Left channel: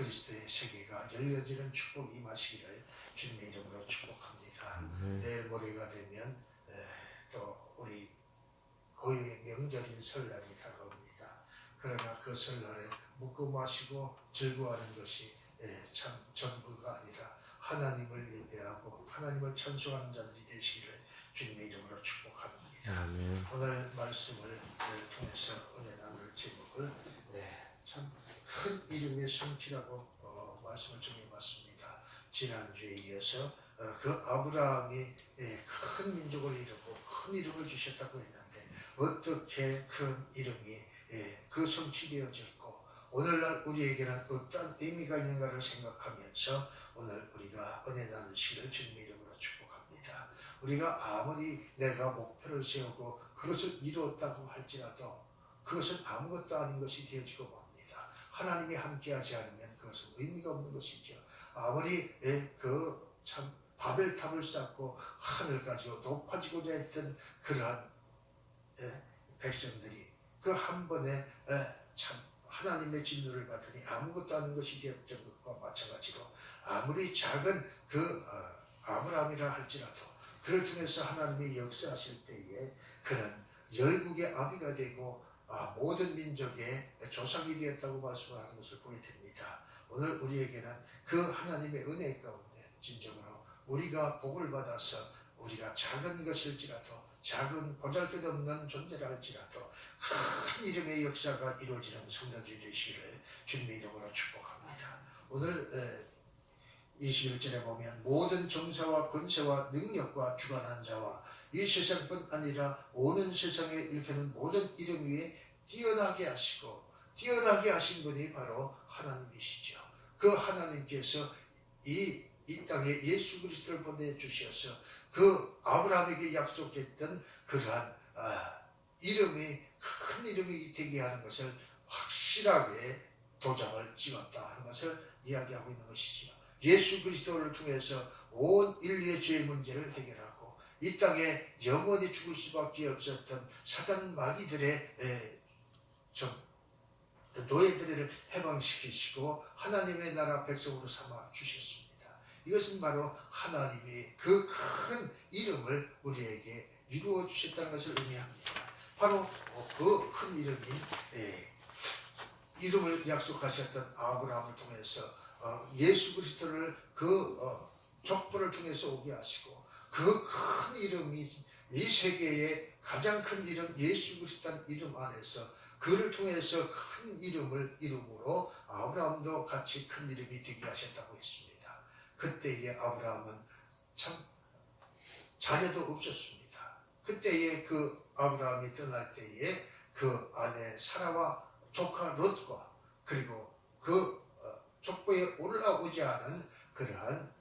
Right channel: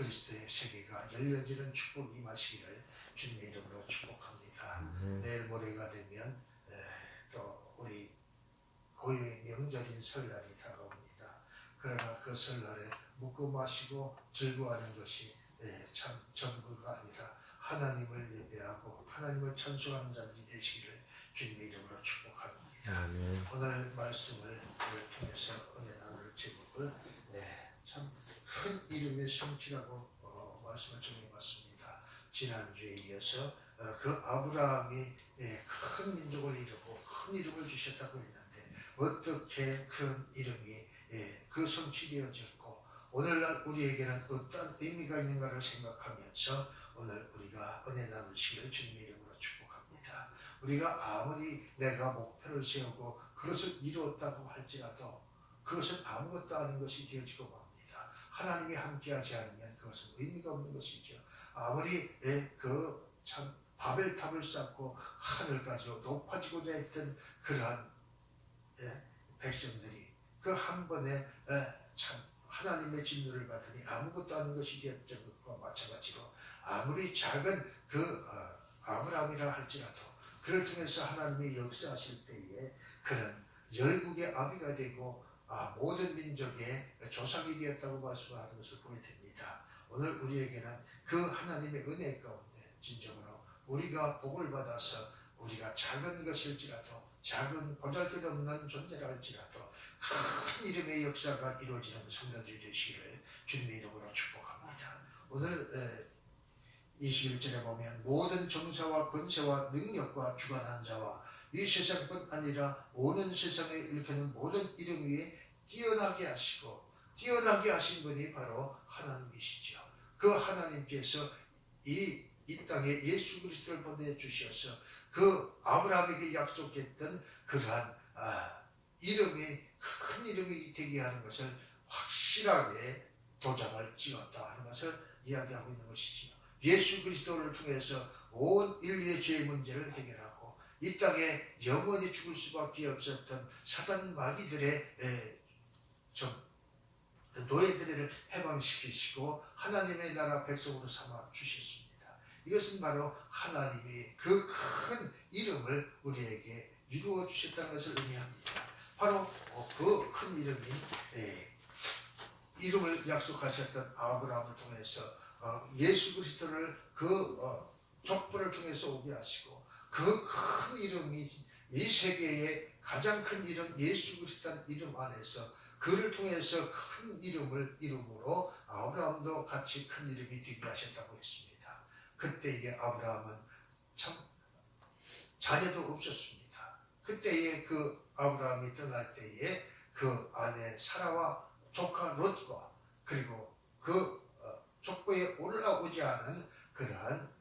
그리스도의 세계가 열려지는 축복이 임하시기를 주님의 이름으로 축복합니다. 내일 모레가 되면 또 우리 고유의 명절인 설날이 다가옵니다. 그러나 그 설날에 먹고 마시고 즐거워하는 것이 참 전부가 아니라 하나님을 예배하고 하나님을 찬송하는 자들이 되시기를 주님의 이름으로 축복합니다. 아멘. 오늘 말씀을 통해서 은혜 나눌 제목을 참 큰 이름의 성취라고 말씀을 정해봤습니다. 지난주에 이어서 그 아브라함이 큰 민족을 이루고 큰 이름을 주셨다고 했는데 어떻게 큰 이름이 그 성취되어졌고 오늘날 우리에게는 어떤 의미가 있는가를 생각하면서 오늘 우리가 은혜 나누시기를 주님의 이름으로 축복합니다. 우리가 아무리 내가 목표를 세우고 그것을 이루었다고 할지라도 그것은 아무것도 아닌 것이 되어지고 맙니다. 하나님이 함께하지 않으면 그것은 의미가 없는 것이죠. 아무리 참 바벨탑을 쌓고 하늘까지 높아지고자 했던 그러한 백성들이 그 한 번에 참 하나님의 진노를 받으니 아무것도 아닌 것이 되었던 것과 마찬가지로 아무리 작은 아브라함이라 할지라도 그를 통해서 하나님이 역사하실 때에 그는 열국의 아비가 되고 모든 민족의 조상이 되었다고 말씀하는 것을 보게 됩니다. 오늘 우리에게는 그 하나님의 은혜 가운데 진정으로 우리가 복을 받아서 우리가 작은 것일지라도 작은 보잘것없는 존재라 할지라도 큰 이름의 역사가 이루어지는 성도들이 되시기를 주님의 이름으로 축복합니다. 오늘 21절에 보면 모든 정사와 권세와 능력과 주관한 자와 이 세상뿐 아니라 오는 세상에 일컫는 모든 이름 위에 뛰어나게 하시고 뛰어나게 하신 분이 바로 하나님이시죠. 그 하나님께서 이 땅에 예수 그리스도를 보내주셔서 그 아브라함에게 약속했던 그러한 이름이 큰 이름이 되게 하는 것을 확실하게 도장을 찍었다 하는 것을 이야기하고 있는 것이지요. 예수 그리스도를 통해서 온 인류의 죄의 문제를 해결하고 이 땅에 영원히 죽을 수밖에 없었던 사단 마귀들의 노예들을 해방시키시고 하나님의 나라 백성으로 삼아 주셨습니다. 이것은 바로 하나님이 그 큰 이름을 우리에게 이루어 주셨다는 것을 의미합니다. 바로 그 큰 이름인 이름을 약속하셨던 아브라함을 통해서 예수 그리스도를 족보를 통해서 오게 하시고 그 큰 이름이 이 세계의 가장 큰 이름 예수 그리스도라는 이름 안에서 그를 통해서 큰 이름을 이름으로 아브라함도 같이 큰 이름이 되게 하셨다고 했습니다. 그때의 아브라함은 참 자녀도 없었습니다. 그때의 그 아브라함이 떠날 때에 그 아내 사라와 조카 롯과 그리고 그 족보에 올라오지 않은 그러한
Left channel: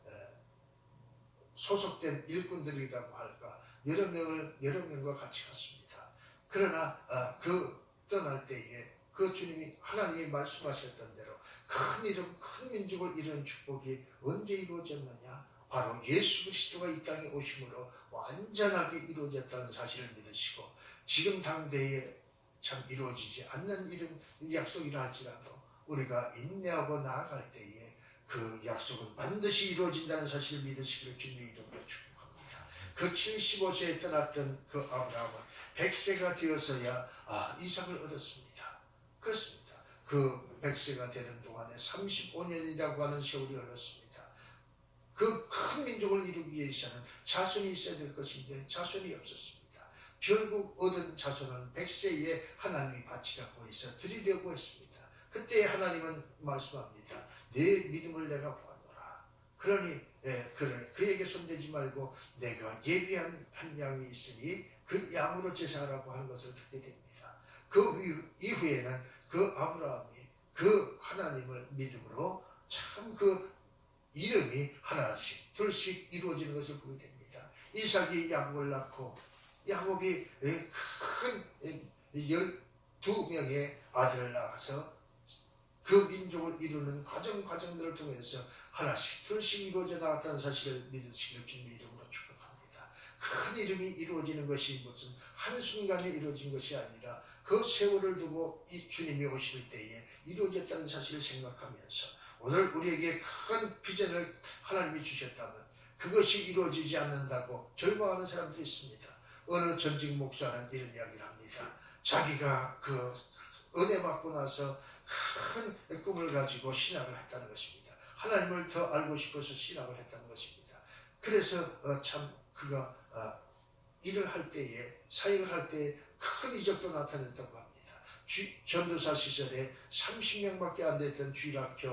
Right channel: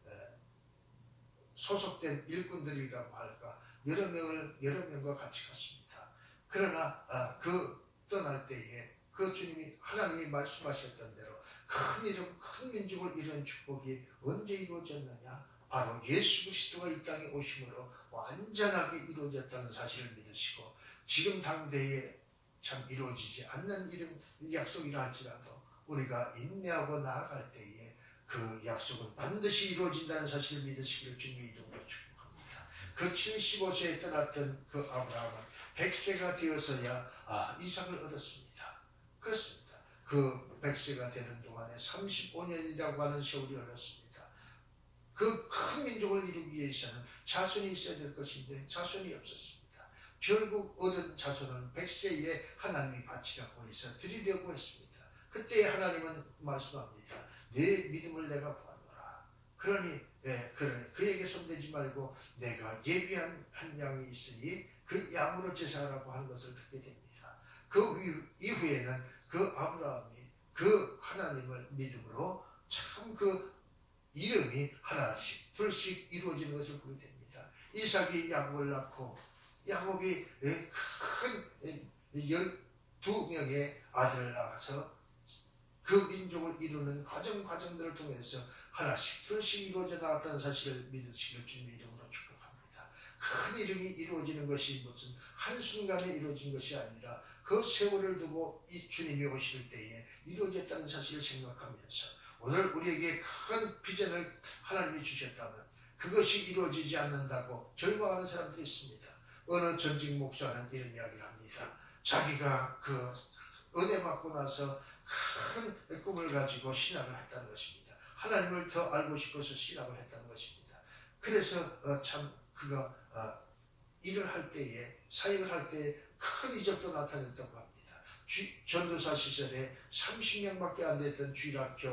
소속된 일꾼들이라고 할까 여러 명과 같이 갔습니다. 그러나 그 떠날 때에 그 주님이 하나님이 말씀하셨던 대로 큰 이름 큰 민족을 이루는 축복이 언제 이루어졌느냐? 바로 예수 그리스도가 이 땅에 오심으로 완전하게 이루어졌다는 사실을 믿으시고 지금 당대에 참 이루어지지 않는 이름 약속이라 할지라도 우리가 인내하고 나아갈 때에 그 약속은 반드시 이루어진다는 사실을 믿으시기를 주님의 이름으로 축복합니다. 그 75세에 떠났던 그 아브라함은 100세가 되어서야 이삭을 얻었습니다. 그렇습니다. 그 100세가 되는 동안에 35년이라고 하는 세월이 흘렀습니다. 그 큰 민족을 이루기 위해서는 자손이 있어야 될 것인데 자손이 없었습니다. 결국 얻은 자손은 100세에 하나님이 바치라고 해서 드리려고 했습니다. 그때 하나님은 말씀합니다. 내 믿음을 내가 보아노라. 그러니 그에게 손대지 말고 내가 예비한 한 양이 있으니 그 양으로 제사하라고 하는 것을 듣게 됩니다. 그 이후에는 그 아브라함이 그 하나님을 믿음으로 참 그 이름이 하나씩 둘씩 이루어지는 것을 보게 됩니다. 이삭이 야곱을 낳고 야곱이 큰 12명의 아들을 낳아서 그 민족을 이루는 과정들을 통해서 하나씩 둘씩 이루어져 나갔다는 사실을 믿으시기를 주님의 이름으로 축복합니다. 큰 이름이 이루어지는 것이 무슨 한순간에 이루어진 것이 아니라 그 세월을 두고 이 주님이 오실 때에 이루어졌다는 사실을 생각하면서 오늘 우리에게 큰 비전을 하나님이 주셨다면 그것이 이루어지지 않는다고 절망하는 사람들이 있습니다. 어느 전직 목사는 이런 이야기를 합니다. 자기가 그 은혜 받고 나서 큰 꿈을 가지고 신학을 했다는 것입니다. 하나님을 더 알고 싶어서 신학을 했다는 것입니다. 그래서 참 그가 일을 할 때에, 사역을 할 때에 큰 이적도 나타냈다고 합니다. 전도사 시절에 30명밖에 안 됐던 주일학교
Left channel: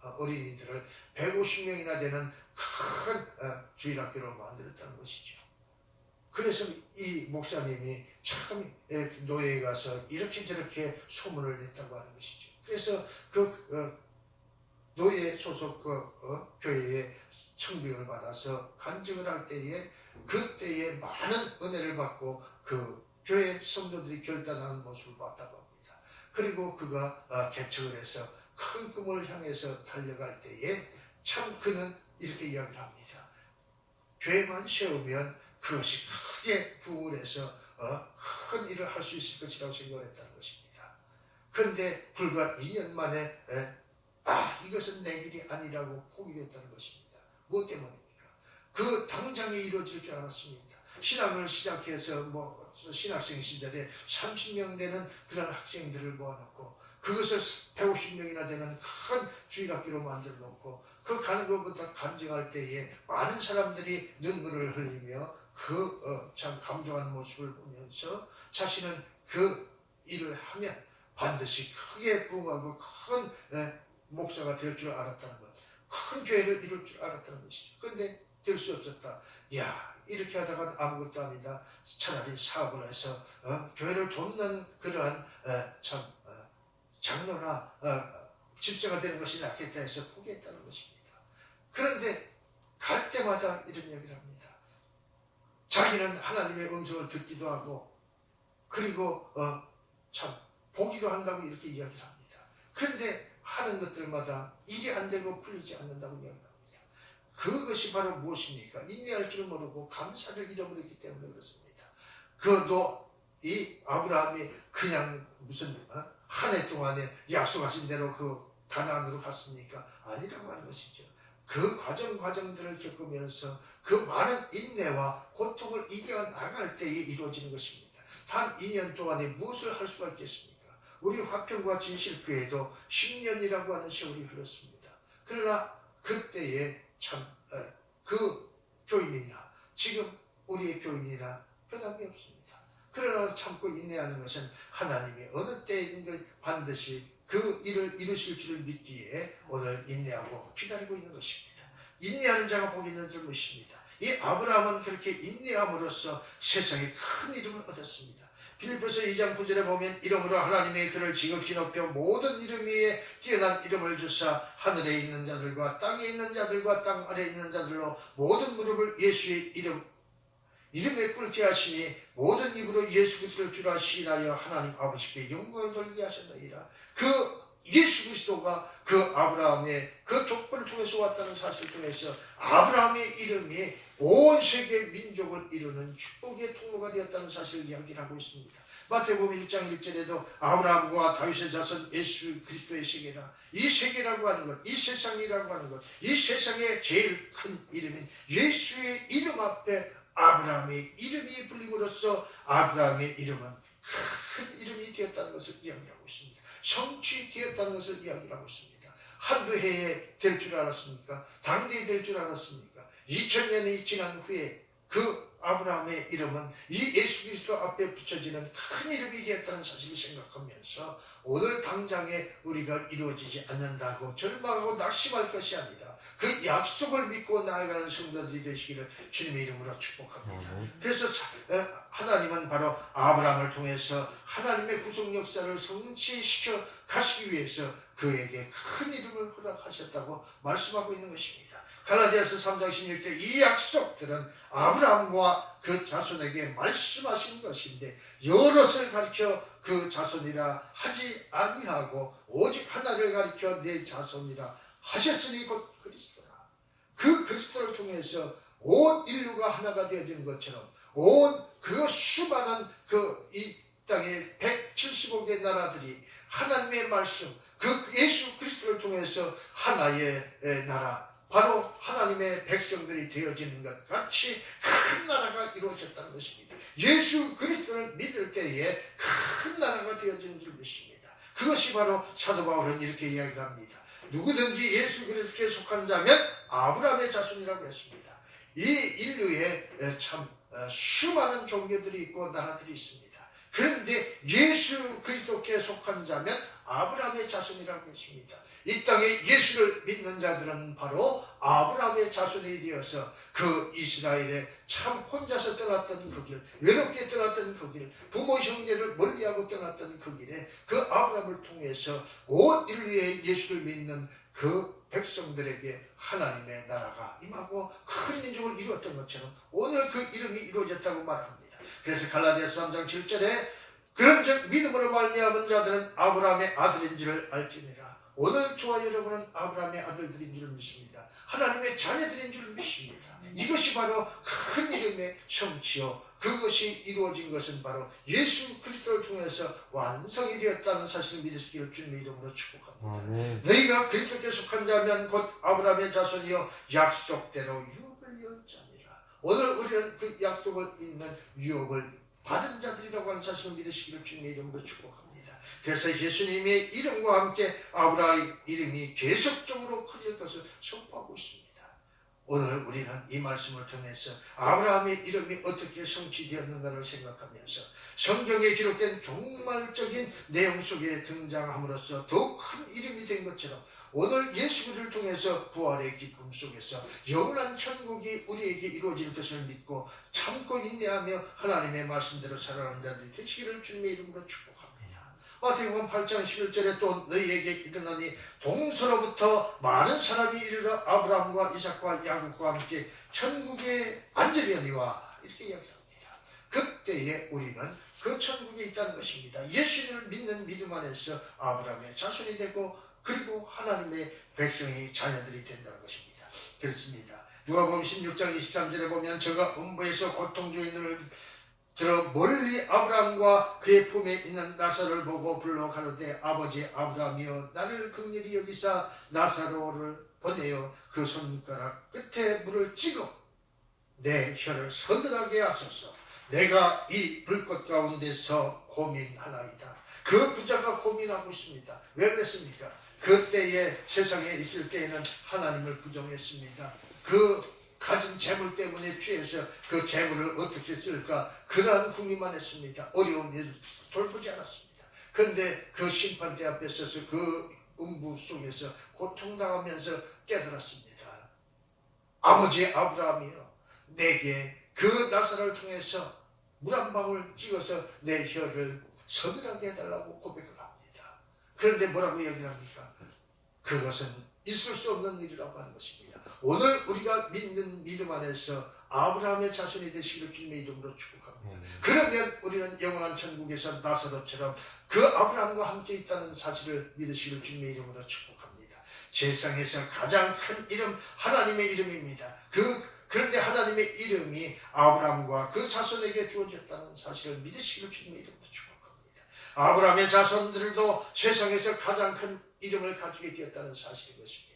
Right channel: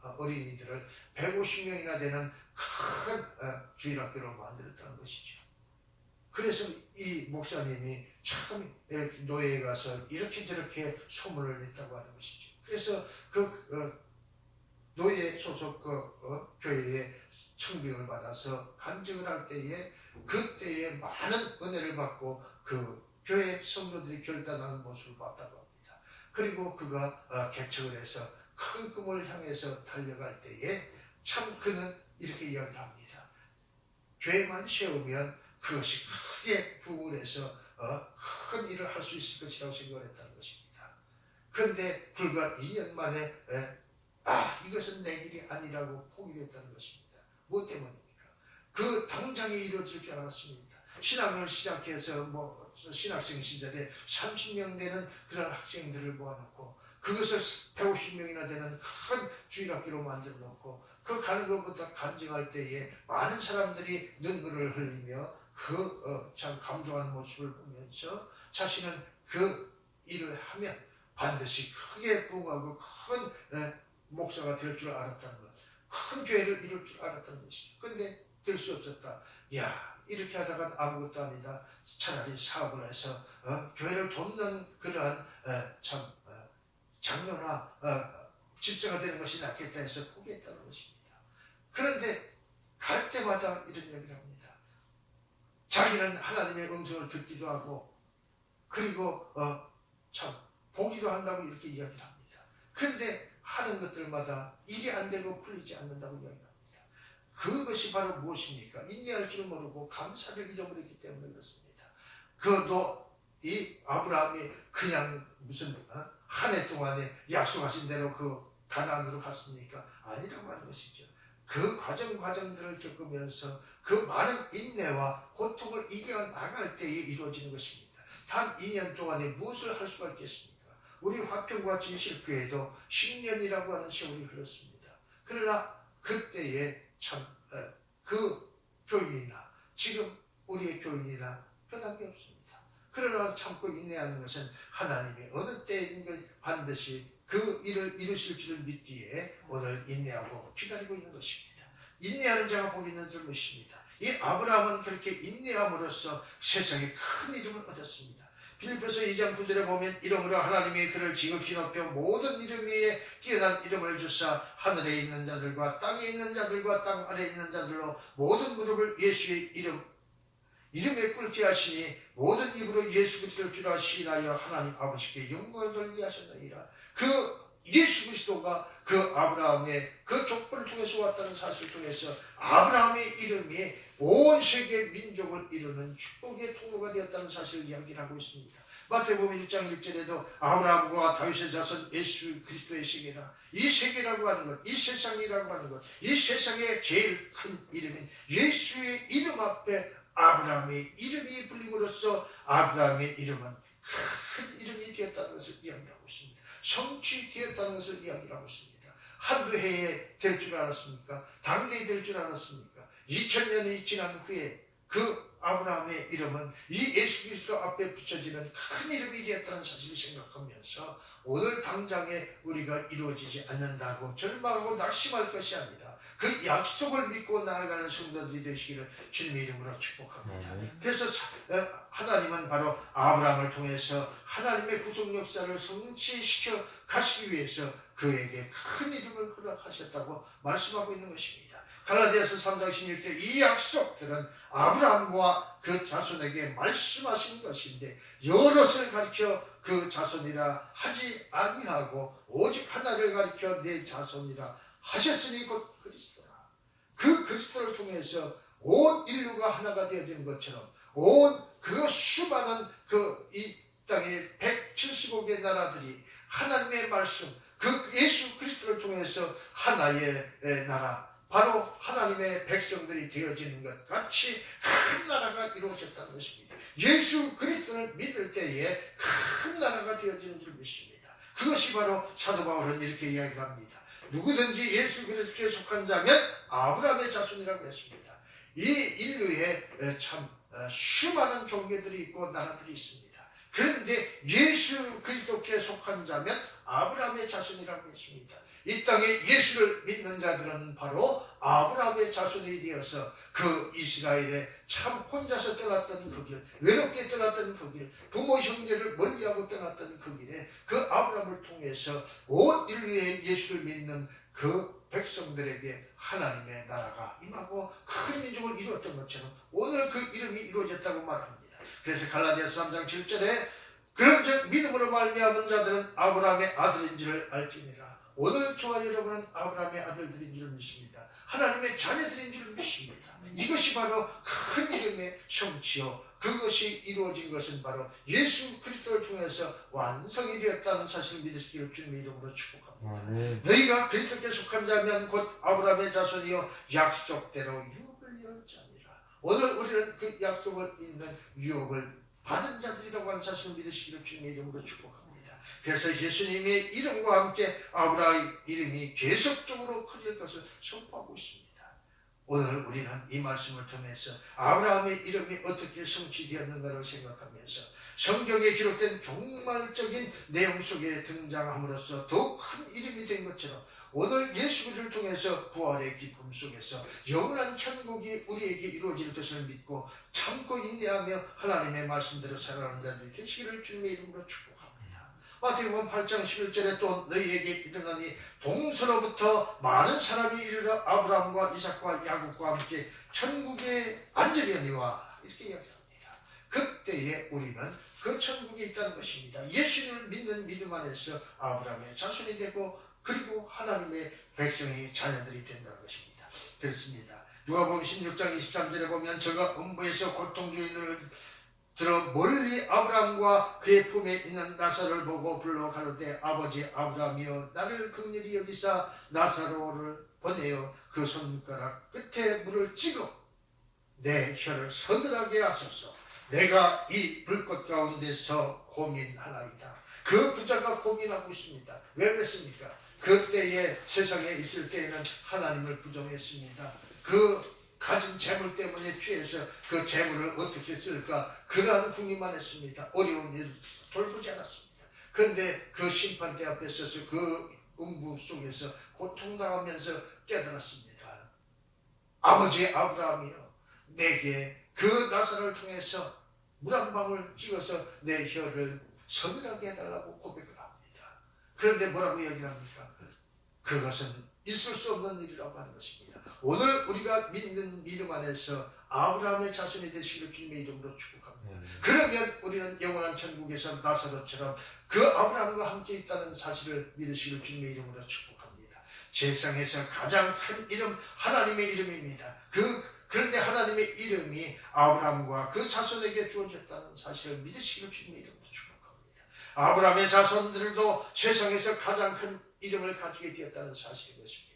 어린이들을 150명이나 되는 큰 주일학교로 만들었다는 것이죠. 그래서 이 목사님이 참 노예에 가서 이렇게 저렇게 소문을 냈다고 하는 것이죠. 그래서 그 노예 소속 교회에 청빙을 받아서 간증을 할 때에 그때에 많은 은혜를 받고 그 교회 성도들이 결단하는 모습을 봤다고 합니다. 그리고 그가 개척을 해서 큰 꿈을 향해서 달려갈 때에 참 그는 이렇게 이야기를 합니다. 교회만 세우면 그것이 크게 부흥해서 큰 일을 할 수 있을 것이라고 생각을 했다는 것입니다. 그런데 불과 2년 만에 이것은 내 길이 아니라고 포기를 했다는 것입니다. 무엇 때문입니까? 그 당장에 이루어질 줄 알았습니다. 신학을 시작해서 신학생 시절에 30명 되는 그런 학생들을 모아놓고 그것을 150명이나 되는 큰 주일학교로 만들어 놓고 그 가는 것보다 간증할 때에 많은 사람들이 눈물을 흘리며 참 감동하는 모습을 보면서 자신은 그 일을 하면 반드시 크게 부흥하고 큰 목사가 될 줄 알았다는 것, 큰 교회를 이룰 줄 알았다는 것이죠. 그런데 될 수 없었다. 이렇게 하다가 아무것도 아니다. 차라리 사업을 해서 교회를 돕는 그러한 장로나 집사가 되는 것이 낫겠다 해서 포기했다는 것입니다. 그런데 갈 때마다 이런 얘기를 합니다. 자기는 하나님의 음성을 듣기도 하고 그리고 참 보기도 한다고 이렇게 이야기를 합니다. 그런데 하는 것들마다 일이 안 되고 풀리지 않는다고 이야기를 합니다. 그것이 바로 무엇입니까? 인내할 줄 모르고 감사를 잃어버렸기 때문에 그렇습니다. 이 아브라함이 그냥 무슨 한 해 동안에 약속하신 대로 그 가나안으로 갔습니까? 아니라고 하는 것이죠. 그 과정들을 겪으면서 그 많은 인내와 고통을 이겨나갈 때에 이루어지는 것입니다. 단 2년 동안에 무엇을 할 수가 있겠습니까? 우리 화평과 진실교회도 10년이라고 하는 세월이 흘렀습니다. 그러나 그때에 참 그 교인이나 지금 우리의 교인이나 변함이 없습니다. 그러나 참고 인내하는 것은 하나님이 어느 때인가 반드시 그 일을 이루실 줄을 믿기에 오늘 인내하고 기다리고 있는 것입니다. 인내하는 자가 복 있는 줄 믿습니다. 이 아브라함은 그렇게 인내함으로써 세상에 큰 이름을 얻었습니다. 빌립보서 2장 9절에 보면 이름으로 하나님의 그를 지극히 높여 모든 이름 위에 뛰어난 이름을 주사 하늘에 있는 자들과 땅에 있는 자들과 땅 아래에 있는 자들로 모든 무릎을 예수의 이름에 꿇게 하시니 모든 입으로 예수 그리스도를 주라 시인하여 하나님 아버지께 영광을 돌리게 하셨나이다. 그 예수 그리스도가 그 아브라함의 그 족보를 통해서 왔다는 사실을 통해서 아브라함의 이름이 온 세계 민족을 이루는 축복의 통로가 되었다는 사실을 이야기를 하고 있습니다. 마태복음 1장 1절에도 아브라함과 다윗의 자손 예수 그리스도의 세계라, 이 세계라고 하는 것, 이 세상이라고 하는 것, 이 세상의 제일 큰 이름인 예수의 이름 앞에 아브라함의 이름이 불림으로써 아브라함의 이름은 큰 이름이 되었다는 것을 이야기하고 있습니다. 성취되었다는 것을 이야기하고 있습니다. 한두 해에 될 줄 알았습니까? 당대에 될 줄 알았습니까? 2000년이 지난 후에 그 아브라함의 이름은 이 예수 그리스도 앞에 붙여지는 큰 이름이 되었다는 사실을 생각하면서 오늘 당장에 우리가 이루어지지 않는다고 절망하고 낙심할 것이 아니라 그 약속을 믿고 나아가는 성도들이 되시기를 주님의 이름으로 축복합니다. 그래서 하나님은 바로 아브라함을 통해서 하나님의 구속 역사를 성취시켜 가시기 위해서 그에게 큰 이름을 허락하셨다고 말씀하고 있는 것입니다. 갈라디아서 3장 16절 이 약속들은 아브라함과 그 자손에게 말씀하신 것인데 여럿을 가리켜 그 자손이라 하지 아니하고 오직 하나를 가리켜 내 자손이라 하셨으니 곧 그리스도라. 그 그리스도를 통해서 온 인류가 하나가 되어지는 것처럼 온 그 수많은 이 땅의 175개 나라들이 하나님의 말씀 그 예수 그리스도를 통해 통해서 하나의 나라, 바로 하나님의 백성들이 되어지는 것 같이 큰 나라가 이루어졌다는 것입니다. 예수 그리스도를 믿을 때에 큰 나라가 되어지는 줄 믿습니다. 그것이 바로 사도 바울은 이렇게 이야기합니다. 누구든지 예수 그리스도께 속한 자면 아브라함의 자손이라고 했습니다. 이 인류에 참 수많은 종교들이 있고 나라들이 있습니다. 그런데 예수 그리스도께 속한 자면 아브라함의 자손이라고 했습니다. 이 땅에 예수를 믿는 자들은 바로 아브라함의 자손이 되어서 그 이스라엘에 참 혼자서 떠났던 그 길, 외롭게 떠났던 그 길, 부모 형제를 멀리하고 떠났던 그 길에 그 아브라함을 통해서 온 인류의 예수를 믿는 그 백성들에게 하나님의 나라가 임하고 큰 민족을 이루었던 것처럼 오늘 그 이름이 이루어졌다고 말합니다. 그래서 갈라디아서 3장 7절에 그런즉 믿음으로 말미암은 자들은 아브라함의 아들인 줄을 알지니라. 오늘 저와 여러분은 아브라함의 아들들인 줄 믿습니다. 하나님의 자녀들인 줄 믿습니다. 이것이 바로 큰 이름의 성취요, 그것이 이루어진 것은 바로 예수 그리스도를 통해서 완성이 되었다는 사실을 믿으시기를 주님의 이름으로 축복합니다. 너희가 그리스도께 속한 자면 곧 아브라함의 자손이요 약속대로 유업을 이었자니라. 오늘 우리는 그 약속을 잇는 유업을 받은 자들이라고 하는 사실을 믿으시기를 주님의 이름으로 축복합니다. 그래서 예수님의 이름과 함께 아브라함의 이름이 계속적으로 커질 것을 선포하고 있습니다. 오늘 우리는 이 말씀을 통해서 아브라함의 이름이 어떻게 성취되었는가를 생각하면서 성경에 기록된 종말적인 내용 속에 등장함으로써 더욱 큰 이름이 된 것처럼 오늘 예수를 통해서 부활의 기쁨 속에서 영원한 천국이 우리에게 이루어질 것을 믿고 참고 인내하며 하나님의 말씀대로 살아가는 자들이 되시기를 주님의 이름으로 축복합니다. 마태복음 8장 11절에 또 너희에게 이르노니 동서로부터 많은 사람이 이르러 아브라함과 이삭과 야곱과 함께 천국에 앉으려니와 이렇게 이야기합니다. 그때에 우리는 그 천국에 있다는 것입니다. 예수를 믿는 믿음 안에서 아브라함의 자손이 되고 그리고 하나님의 백성이 자녀들이 된다는 것입니다. 그렇습니다. 누가복음 16장 23절에 보면 저가 음부에서 고통 중인을 들어 멀리 아브라함과 그의 품에 있는 나사로를 보고 불러 가로되 아버지 아브라함이여 나를 긍휼히 여기사 나사로를 보내어 그 손가락 끝에 물을 찍어 내 혀를 서늘하게 하소서. 내가 이 불꽃 가운데서 고민하나이다. 그 부자가 고민하고 있습니다. 왜 그랬습니까? 그때에 세상에 있을 때에는 하나님을 부정했습니다. 그 가진 재물 때문에 취해서 그 재물을 어떻게 쓸까 그러한 궁리만 했습니다. 어려운 일을 돌보지 않았습니다. 그런데 그 심판대 앞에 서서 그 음부 속에서 고통당하면서 깨달았습니다. 아버지 아브라함이여 내게 그 나사로를 통해서 물 한 방울 찍어서 내 혀를 서늘하게 해달라고 고백을 합니다. 그런데 뭐라고 얘기를 합니까? 그것은 있을 수 없는 일이라고 하는 것입니다. 오늘 우리가 믿는 믿음 안에서 아브라함의 자손이 되시기를 주님의 이름으로 축복합니다. 그러면 우리는 영원한 천국에서 나사로처럼 그 아브라함과 함께 있다는 사실을 믿으시기를 주님의 이름으로 축복합니다. 세상에서 가장 큰 이름 하나님의 이름입니다. 그런데 하나님의 이름이 아브라함과 그 자손에게 주어졌다는 사실을 믿으시기를 주님의 이름으로 축복합니다. 아브라함의 자손들도 세상에서 가장 큰 이름을 가지게 되었다는 사실인 것입니다.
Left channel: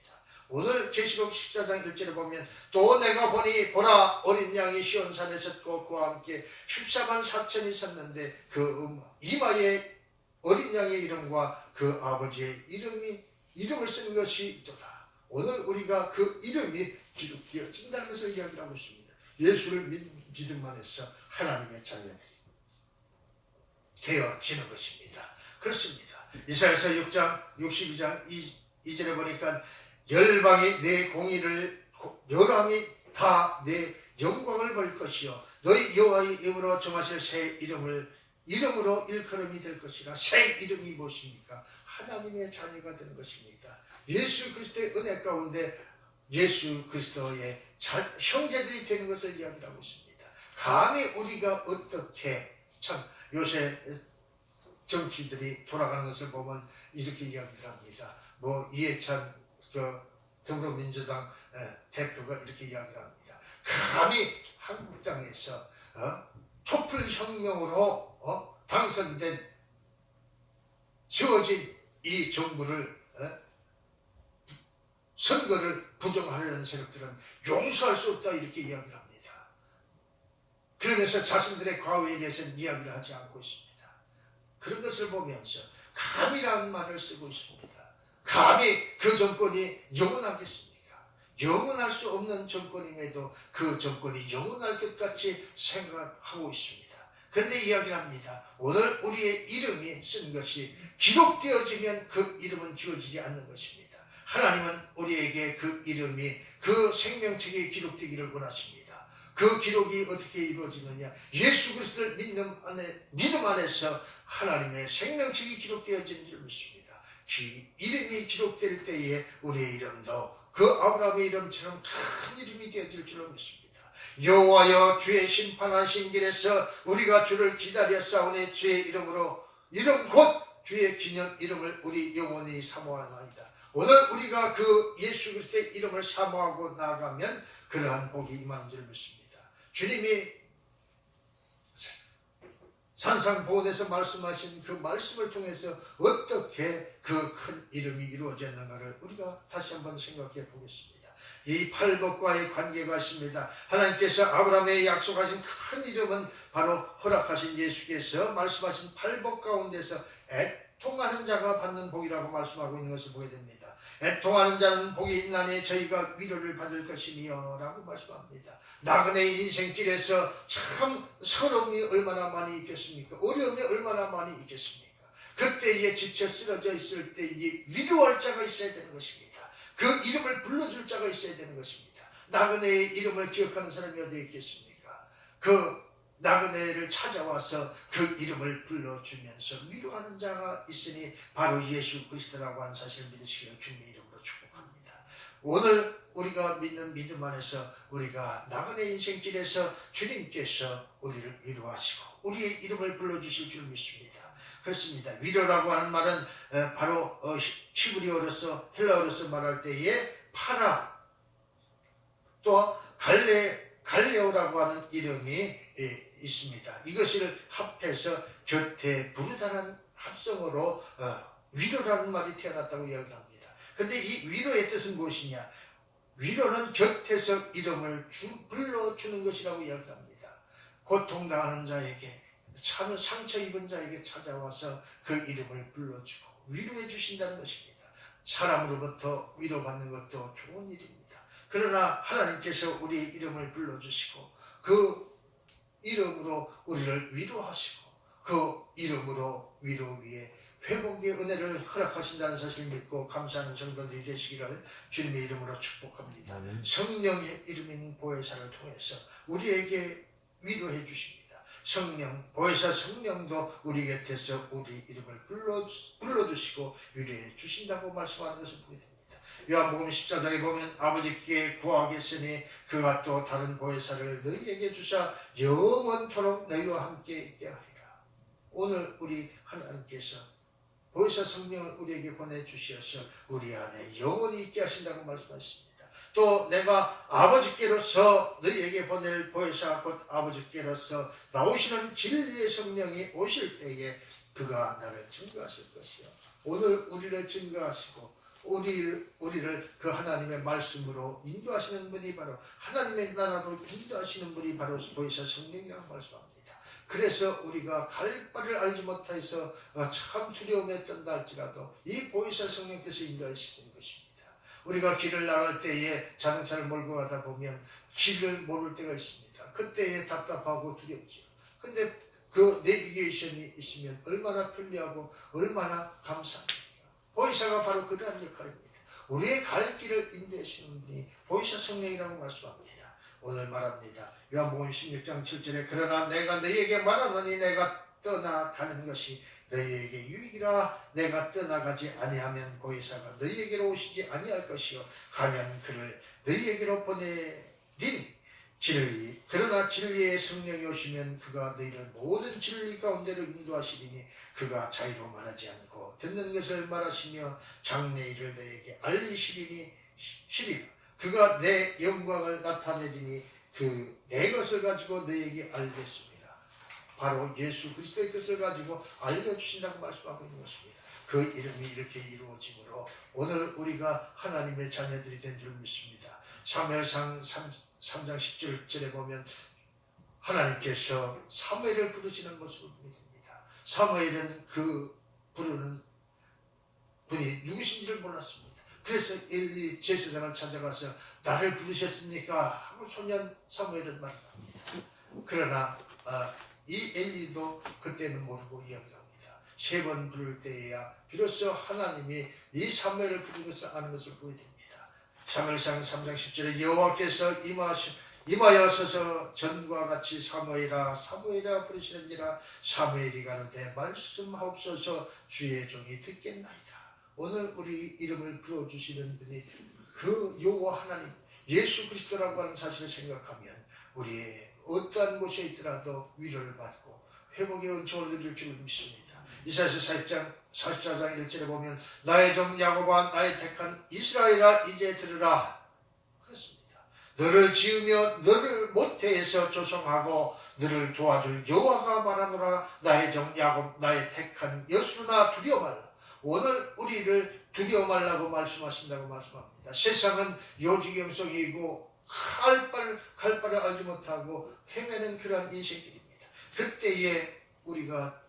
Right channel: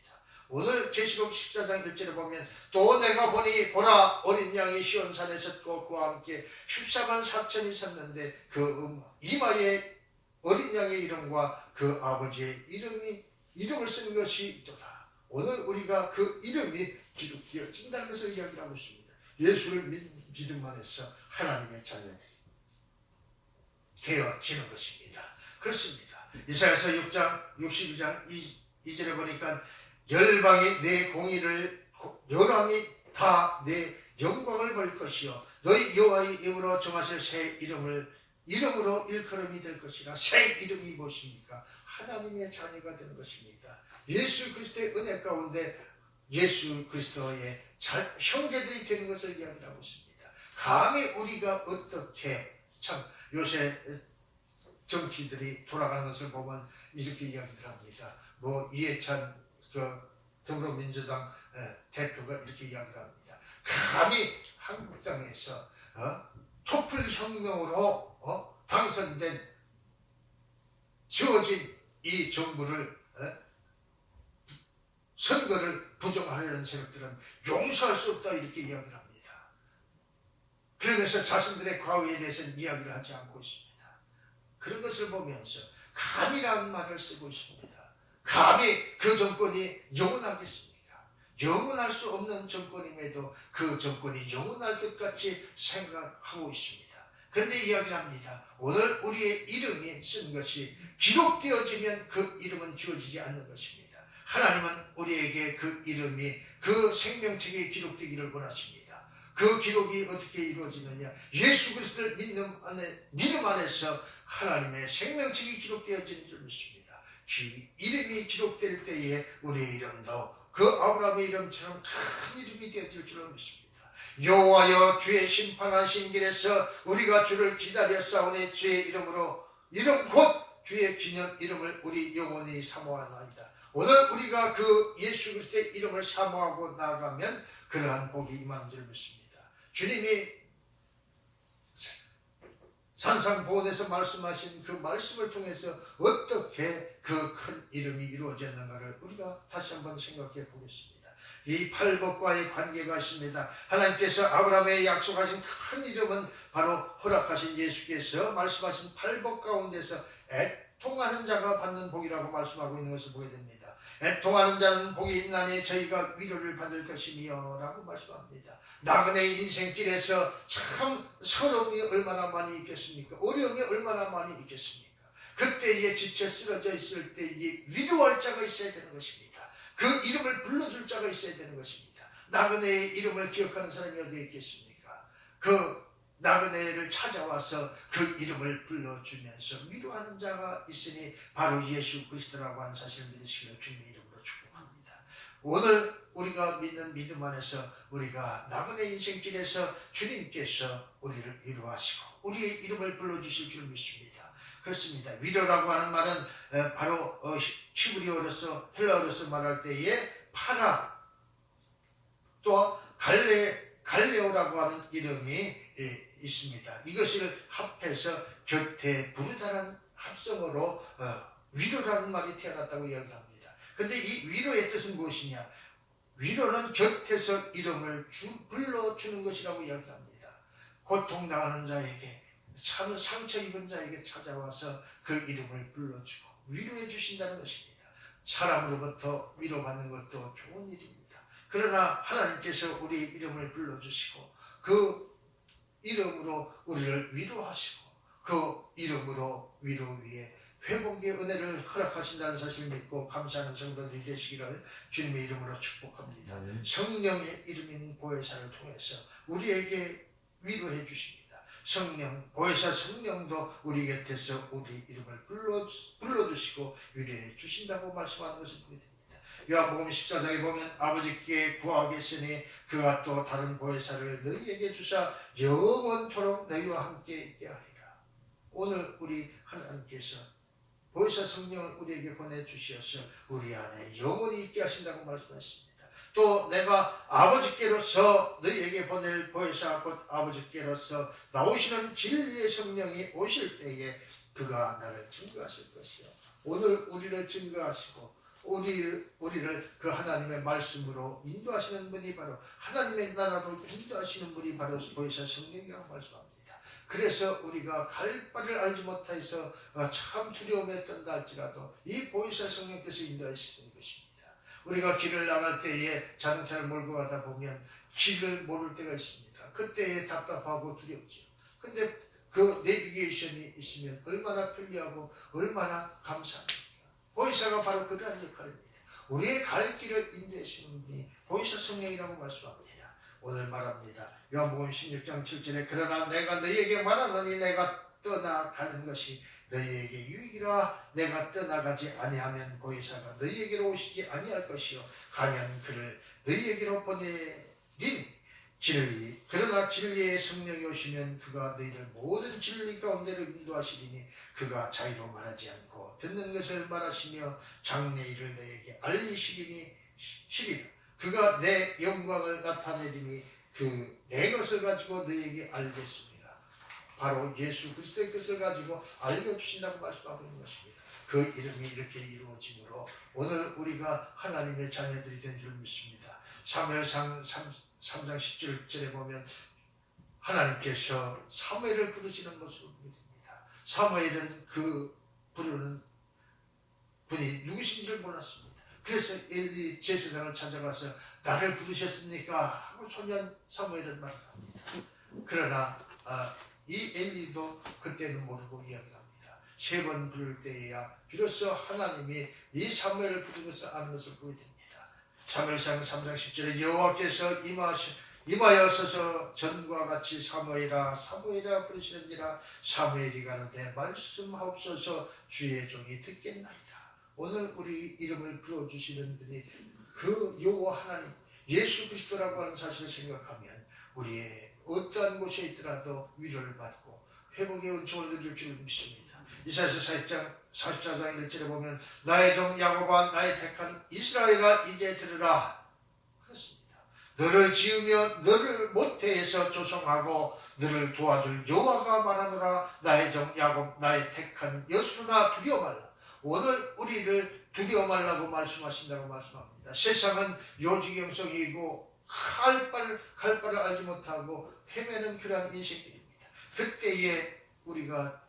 오늘 계시록 14장 1절에 보면 또 내가 보니 보라 어린 양이 시온산에 섰고 그와 함께 14만 4천이 섰는데 그 이마에 어린 양의 이름과 그 아버지의 이름을 쓴 것이 있도다. 오늘 우리가 그 이름이 기록되어진다는 것을 이야기를 하고 있습니다. 예수를 믿음만 해서 하나님의 자녀들이 되어지는 것입니다. 그렇습니다. 이사야서 6장 62장 2절에 보니까 열방이 내 공의를 열왕이 다 내 영광을 볼 것이요 너희 여호와의 이름으로 정하실 새 이름으로 일컬음이 될 것이라. 새 이름이 무엇입니까? 하나님의 자녀가 되는 것입니다. 예수 그리스도의 은혜 가운데 예수 그리스도의 형제들이 되는 것을 이야기하고 있습니다. 감히 우리가 어떻게 참 요새 정치들이 돌아가는 것을 보면 이렇게 이야기를 합니다. 이해찬 더불어민주당 대표가 이렇게 이야기를 합니다. 감히 한국 땅에서 촛불혁명으로 당선된 지어진 이 정부를 선거를 부정하려는 세력들은 용서할 수 없다 이렇게 이야기를 합니다. 그러면서 자신들의 과거에 대해서는 이야기를 하지 않고 있습니다. 그런 것을 보면서 감이라는 말을 쓰고 있습니다. 감히 그 정권이 영원하겠습니까? 영원할 수 없는 정권임에도 그 정권이 영원할 것 같이 생각하고 있습니다. 그런데 이야기를 합니다. 오늘 우리의 이름이 쓴 것이 기록되어지면 그 이름은 지워지지 않는 것입니다. 하나님은 우리에게 그 이름이 그 생명책에 기록되기를 원하십니다. 그 기록이 어떻게 이루어지느냐? 예수 그리스도를 믿음 안에서 하나님의 생명책이 기록되어진 줄 믿습니다. 이름이 기록될 때에 우리의 이름도 그 아브라함의 이름처럼 큰 이름이 되어질 줄로 믿습니다. 여호와여 주의 심판하신 길에서 우리가 주를 기다려 싸우니 주의 이름으로 이름 곧 주의 기념 이름을 우리 영원히 사모하나이다. 오늘 우리가 그 예수 그리스도의 이름을 사모하고 나가면 그러한 복이 임하는 줄 믿습니다. 주님이 산상보훈에서 말씀하신 그 말씀을 통해서 어떻게 그 큰 이름이 이루어졌는가를 우리가 다시 한번 생각해 보겠습니다. 이 팔복과의 관계가 있습니다. 하나님께서 아브라함에 약속하신 큰 이름은 바로 허락하신 예수께서 말씀하신 팔복 가운데서 애통하는 자가 받는 복이라고 말씀하고 있는 것을 보게 됩니다. 애통하는 자는 복이 있나니 저희가 위로를 받을 것이며 라고 말씀합니다. 나그네의 인생길에서 참 서러움이 얼마나 많이 있겠습니까? 어려움이 얼마나 많이 있겠습니까? 그때에 지쳐 쓰러져 있을 때에 위로할 자가 있어야 되는 것입니다. 그 이름을 불러줄 자가 있어야 되는 것입니다. 나그네의 이름을 기억하는 사람이 어디 있겠습니까? 그 나그네를 찾아와서 그 이름을 불러주면서 위로하는 자가 있으니 바로 예수 그리스도라고 하는 사실을 믿으시기를 주님의 이름으로 축복합니다. 오늘 우리가 믿는 믿음 안에서 우리가 나그네 인생길에서 주님께서 우리를 위로하시고 우리의 이름을 불러주실 줄 믿습니다. 그렇습니다. 위로라고 하는 말은 바로 히브리어로서 헬라어로서 말할 때에 파라 또 갈레오라고 하는 이름이 있습니다. 이것을 합해서 곁에 부르다는 합성어로 위로라는 말이 태어났다고 이야기합니다. 그런데 이 위로의 뜻은 무엇이냐? 위로는 곁에서 이름을 불러주는 것이라고 이야기합니다. 고통당하는 자에게 참 상처 입은 자에게 찾아와서 그 이름을 불러주고 위로해 주신다는 것입니다. 사람으로부터 위로받는 것도 좋은 일입니다. 그러나 하나님께서 우리의 이름을 불러주시고 그 이름으로 우리를 위로하시고 그 이름으로 위로 위에 회복의 은혜를 허락하신다는 사실을 믿고 감사하는 성도들이 되시기를 주님의 이름으로 축복합니다. 성령의 이름인 보혜사를 통해서 우리에게 위로해 주십니다. 성령, 보혜사 성령도 우리 곁에서 우리 이름을 불러주시고 위로해 주신다고 말씀하는 것을 보게 됩니다. 요한복음 14장에 보면 아버지께 구하겠으니 그가 또 다른 보혜사를 너희에게 주사 영원토록 너희와 함께 있게 하리라. 오늘 우리 하나님께서 보혜사 성령을 우리에게 보내주셔서 우리 안에 영원히 있게 하신다고 말씀하셨습니다. 또 내가 아버지께로서 너희에게 보낼 보혜사 곧 아버지께로서 나오시는 진리의 성령이 오실 때에 그가 나를 증거하실 것이요. 오늘 우리를 증거하시고 우리를 그 하나님의 말씀으로 인도하시는 분이 바로 하나님의 나라로 인도하시는 분이 바로 보혜사 성령이라고 말씀합니다. 그래서 우리가 갈 바를 알지 못해서 참 두려움에 떤다 할지라도 이 보혜사 성령께서 인도하시는 것입니다. 우리가 길을 나갈 때에 자동차를 몰고 가다 보면 길을 모를 때가 있습니다. 그때에 답답하고 두렵죠. 근데 그 내비게이션이 있으면 얼마나 편리하고 얼마나 감사합니까? 보혜사가 바로 그러한 역할입니다. 우리의 갈 길을 인도하시는 분이 보혜사 성령이라고 말씀합니다. 오늘 말합니다. 요한복음 16장 7절에 그러나 내가 너희에게 말하노니 내가 떠나가는 것이 너희에게 유익이라. 내가 떠나가지 아니하면 보혜사가 너희에게로 오시지 아니할 것이요 가면 그를 너희에게로 보내리니 진리 그러나 진리의 성령이 오시면 그가 너희를 모든 진리 가운데로 인도하시리니 그가 자유로 말하지 않고 듣는 것을 말하시며 장래일을 너희에게 알리시리니 시리라. 그가 내 영광을 나타내리니 그 내 것을 가지고 너희에게 알겠습니다. 바로 예수 그리스도의 것을 가지고 알려주신다고 말씀하고 있는 것입니다. 그 이름이 이렇게 이루어지므로 오늘 우리가 하나님의 자녀들이 된 줄 믿습니다. 사무엘상 3장 10절에 보면 하나님께서 사무엘을 부르시는 모습을 보게 됩니다. 사무엘은 그 부르는 분이 누구신지를 몰랐습니다. 그래서 엘리 제사장을 찾아가서 나를 부르셨습니까? 하고 소년 사무엘은 말을 합니다. 그러나 이 엘리도 그때는 모르고 이야기를 합니다. 3번 부를 때에야 비로소 하나님이 이 사무엘을 부른 것을 아는 것을 보게 됩니다. 사무엘상 3장 10절에 여호와께서 임하여서서 전과 같이 사무엘아 사무엘아 부르시는지라 사무엘이 가로되 말씀하옵소서 주의 종이 듣겠나이다. 오늘 우리 이름을 불러주시는 분이 그 여호와 하나님 예수 그리스도라고 하는 사실을 생각하면 우리의 어떠한 곳에 있더라도 위로를 받고 회복의 은총을 누릴 줄 믿습니다. 이사야서 44장 1절에 보면 나의 종 야곱아 나의 택한 이스라엘아 이제 들으라. 그렇습니다. 너를 지으며 너를 모태에서 조성하고 너를 도와줄 여호와가 말하노라. 나의 종 야곱 나의 택한 여수나 두려워 말라. 오늘 우리를 두려워 말라고 말씀하신다고 말씀합니다. 세상은 요지경 속이고 칼바를 알지 못하고 헤매는 그러한 인생들입니다. 그때에 우리가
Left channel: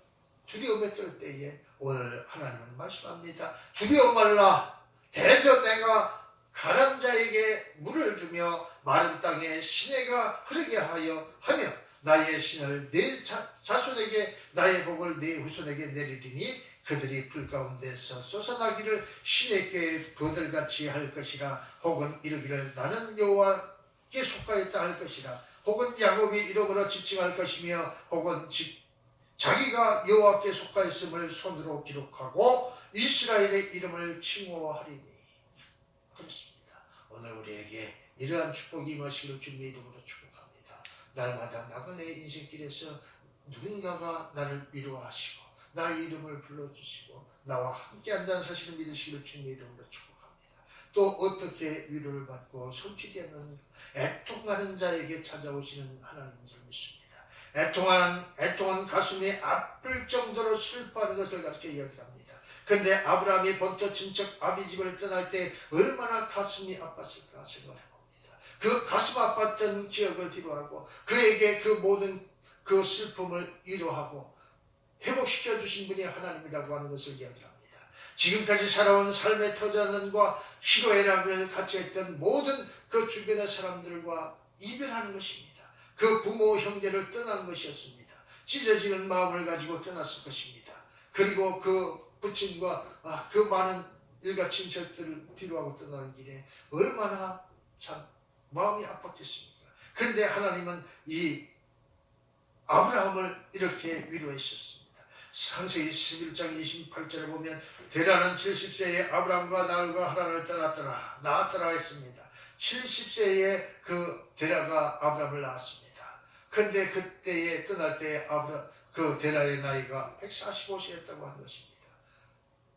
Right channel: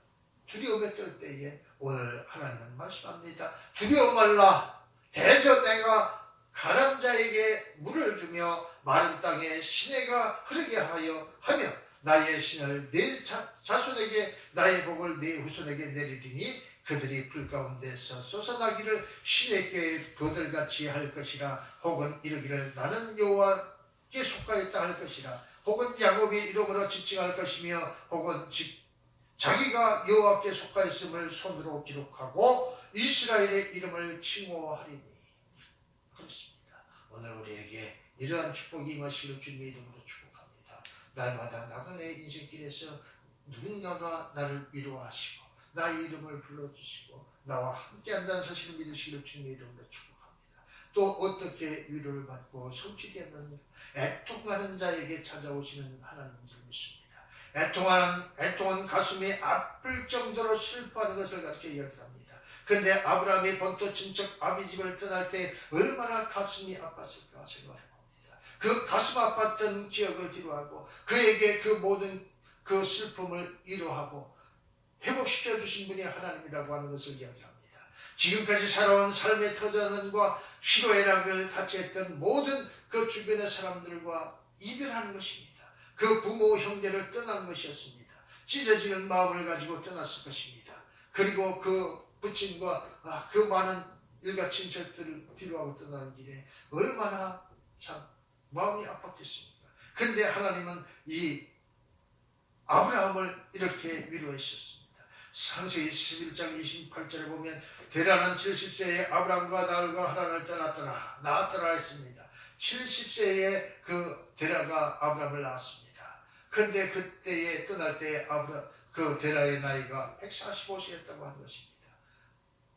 두려움에 떨 때에 오늘 하나님은 말씀합니다. 두려워 말라. 대저 내가 가난 자에게 물을 주며 마른 땅에 시내가 흐르게 하며 나의 신을 내 자손에게 나의 복을 내 후손에게 내리리니 그들이 불 가운데서 솟아나기를 시내께 버들같이 할 것이라. 혹은 이르기를 나는 여호와께 속하였다 할 것이라. 혹은 야곱이 이름으로 지칭할 것이며 혹은 자기가 여호와께 속하였음을 손으로 기록하고 이스라엘의 이름을 칭호하리니. 그렇습니다. 오늘 우리에게 이러한 축복이 임하시기를 주님의 이름으로 축복합니다. 날마다 나그네의 인생길에서 누군가가 나를 위로하시고 나의 이름을 불러주시고 나와 함께 한다는 사실을 믿으시기를 주님의 이름으로 축복합니다. 또 어떻게 위로를 받고 성취되는 애통하는 자에게 찾아오시는 하나님인 줄 믿습니다. 애통한 가슴이 아플 정도로 슬퍼하는 것을 가르쳐 이야기합니다. 근데 아브라함이 본토 친척 아비집을 떠날 때 얼마나 가슴이 아팠을까 생각해봅니다. 그 가슴 아팠던 기억을 뒤로하고 그에게 그 모든 그 슬픔을 위로하고 회복시켜 주신 분이 하나님이라고 하는 것을 이야기합니다. 지금까지 살아온 삶의 터전과 희로애락을 같이 했던 모든 그 주변의 사람들과 이별하는 것입니다. 그 부모 형제를 떠난 것이었습니다. 찢어지는 마음을 가지고 떠났을 것입니다. 그리고 그 부친과 그 많은 일가 친척들을 뒤로하고 떠나는 길에 얼마나 참 마음이 아팠겠습니까? 근데 하나님은 이 아브라함을 이렇게 위로하셨습니다. 창세기 11장 28절에 보면 데라는 70세에 아브라함과 나흘과 하란을 떠났더라. 낳았더라 했습니다. 70세에 그 데라가 아브라함을 낳았습니다. 근데 그때에 떠날 때에 그 데라의 나이가 145세였다고 하는 것입니다.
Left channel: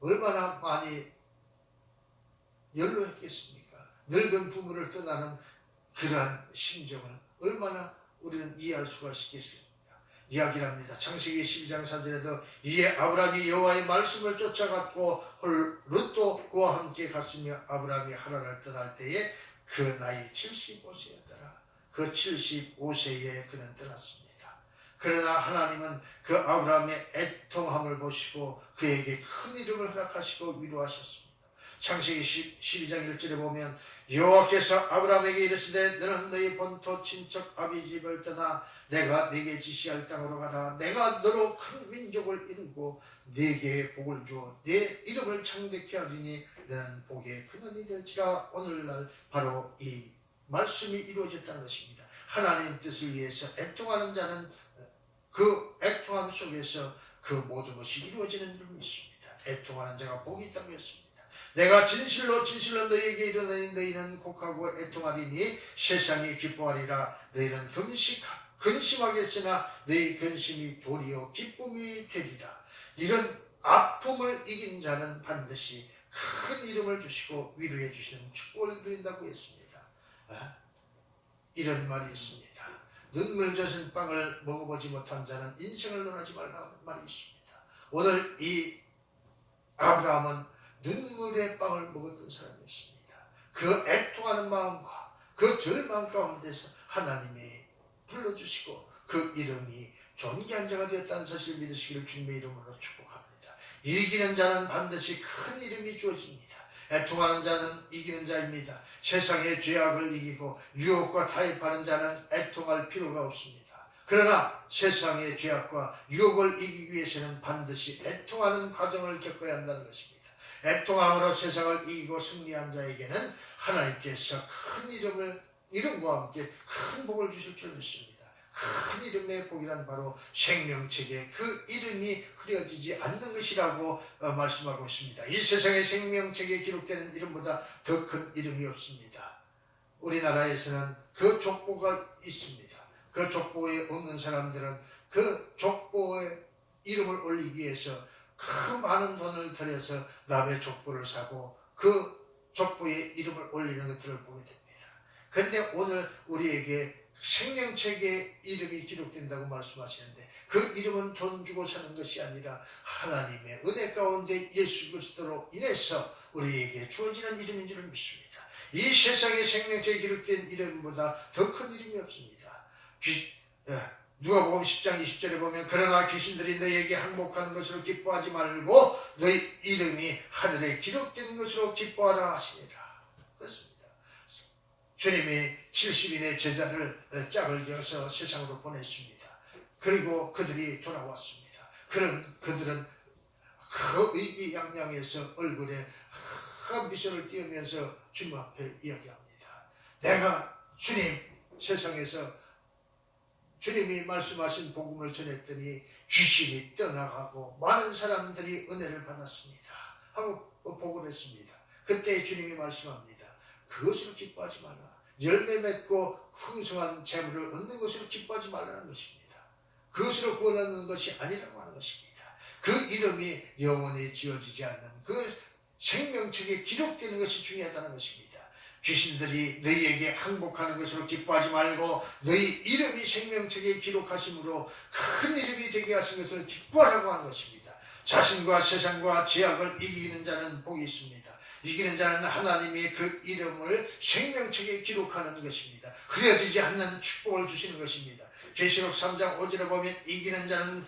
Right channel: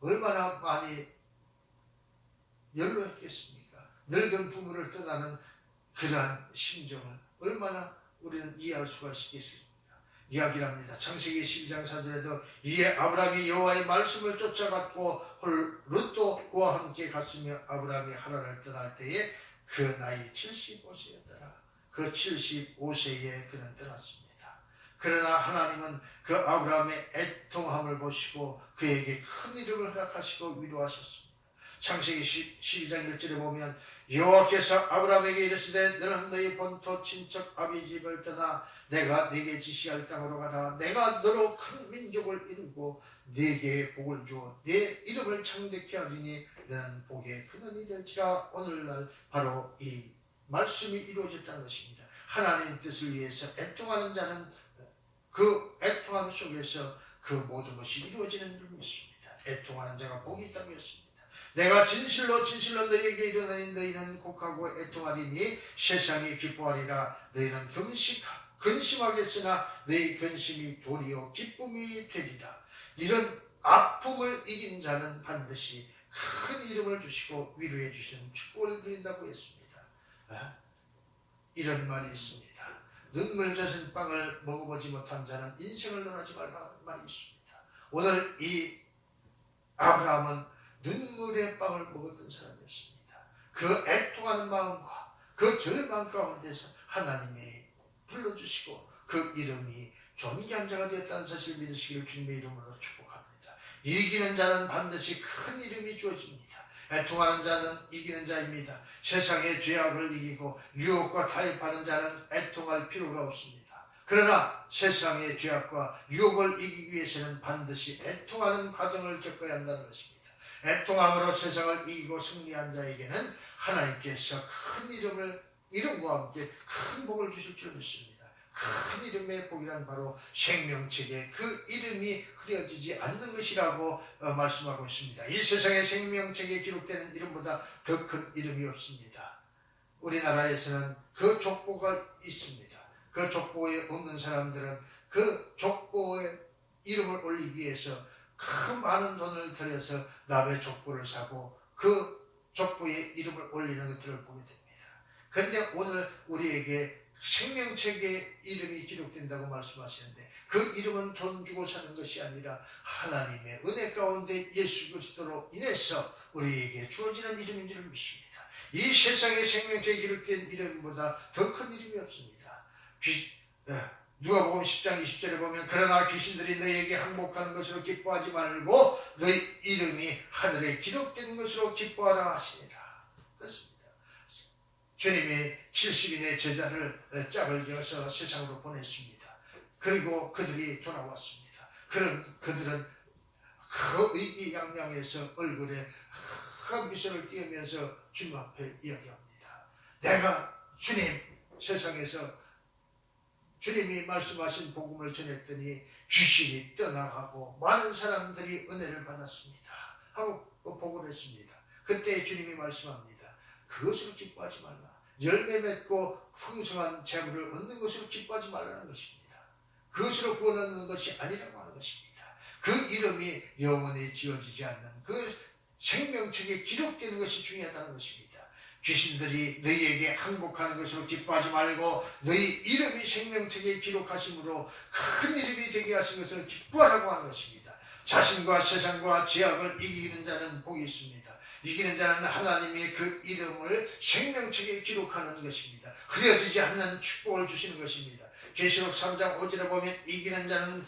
얼마나 많이 연로했겠습니까? 늙은 부모를 떠나는 그러한 심정을 얼마나 우리는 이해할 수가 있겠습니까? 이야기를 합니다. 창세기 12장 4절에도 이에 아브라함이 여호와의 말씀을 쫓아갔고 룻도 그와 함께 갔으며 아브라함이 하란을 떠날 때에 그 나이 75세였더라. 그 75세에 그는 떠났습니다. 그러나 하나님은 그 아브라함의 애통함을 보시고 그에게 큰 이름을 허락하시고 위로하셨습니다. 창세기 12장 1절에 보면 여호와께서 아브라함에게 이르시되 너는 너희 본토 친척 아비집을 떠나 내가 네게 지시할 땅으로 가라. 내가 너로 큰 민족을 이루고 네게 복을 주어 네 이름을 창대케 하리니 너는 복의 근원이 될지라. 오늘날 바로 이 말씀이 이루어졌다는 것입니다. 하나님 뜻을 위해서 애통하는 자는 그 애통함 속에서 그 모든 것이 이루어지는 줄 믿습니다. 애통하는 자가 복이 있다고 했습니다. 내가 진실로 너희에게 이르노니 너희는 곡하고 애통하리니 세상이 기뻐하리라. 너희는 근심하겠으나 너희 근심이 도리어 기쁨이 되리라. 이런 아픔을 이긴 자는 반드시 큰 이름을 주시고 위로해 주시는 축복을 드린다고 했습니다. 이런 말이 있습니다. 눈물 젖은 빵을 먹어보지 못한 자는 인생을 논하지 말라 말이 있습니다. 오늘 이 아브라함은 눈물의 빵을 먹었던 사람이었습니다. 그 애통하는 마음과 그 절망 가운데서 하나님이 불러주시고 그 이름이 존귀한 자가 되었다는 사실을 믿으시기를 주님의 이름으로 축복합니다. 이기는 자는 반드시 큰 이름이 주어집니다. 애통하는 자는 이기는 자입니다. 세상의 죄악을 이기고 유혹과 타협하는 자는 애통할 필요가 없습니다. 그러나 세상의 죄악과 유혹을 이기기 위해서는 반드시 애통하는 과정을 겪어야 한다는 것입니다. 애통함으로 세상을 이기고 승리한 자에게는 하나님께서 큰 이름과 함께 큰 복을 주실 줄 믿습니다. 큰 이름의 복이란 바로 생명책에 그 이름이 흐려지지 않는 것이라고 말씀하고 있습니다. 이 세상의 생명책에 기록되는 이름보다 더 큰 이름이 없습니다. 우리나라에서는 그 족보가 있습니다. 그 족보에 없는 사람들은 그 족보에 이름을 올리기 위해서 그 많은 돈을 들여서 남의 족보를 사고 그 족보에 이름을 올리는 것들을 보게 됩니다. 그런데 오늘 우리에게 생명책에 이름이 기록된다고 말씀하시는데 그 이름은 돈 주고 사는 것이 아니라 하나님의 은혜 가운데 예수 그리스도로 인해서 우리에게 주어지는 이름인 줄 믿습니다. 이 세상의 생명책에 기록된 이름보다 더 큰 이름이 없습니다. 누가복음 10장 20절에 보면 그러나 귀신들이 너희에게 항복하는 것으로 기뻐하지 말고 너희 이름이 하늘에 기록된 것으로 기뻐하라 하시니라. 그렇습니다. 주님이 70인의 제자를 짝을 지어서 세상으로 보냈습니다. 그리고 그들이 돌아왔습니다. 그들은 그 의기양양해서 얼굴에 큰 미소를 띄우면서 주님 앞에 이야기합니다. 내가 주님 세상에서 주님이 말씀하신 복음을 전했더니 귀신이 떠나가고 많은 사람들이 은혜를 받았습니다 하고 보고를 했습니다. 그때 주님이 말씀합니다. 그것으로 기뻐하지 말라. 열매 맺고 풍성한 재물을 얻는 것으로 기뻐하지 말라는 것입니다. 그것으로 구원하는 것이 아니라고 하는 것입니다. 그 이름이 영원히 지어지지 않는 그 생명책에 기록되는 것이 중요하다는 것입니다. 귀신들이 너희에게 항복하는 것으로 기뻐하지 말고 너희 이름이 생명책에 기록하심으로 큰 이름이 되게 하신 것을 기뻐하라고 하는 것입니다. 자신과 세상과 죄악을 이기는 자는 복이 있습니다. 이기는 자는 하나님이 그 이름을 생명책에 기록하는 것입니다. 흐려지지 않는 축복을 주시는 것입니다. 계시록 3장 5절에 보면 이기는 자는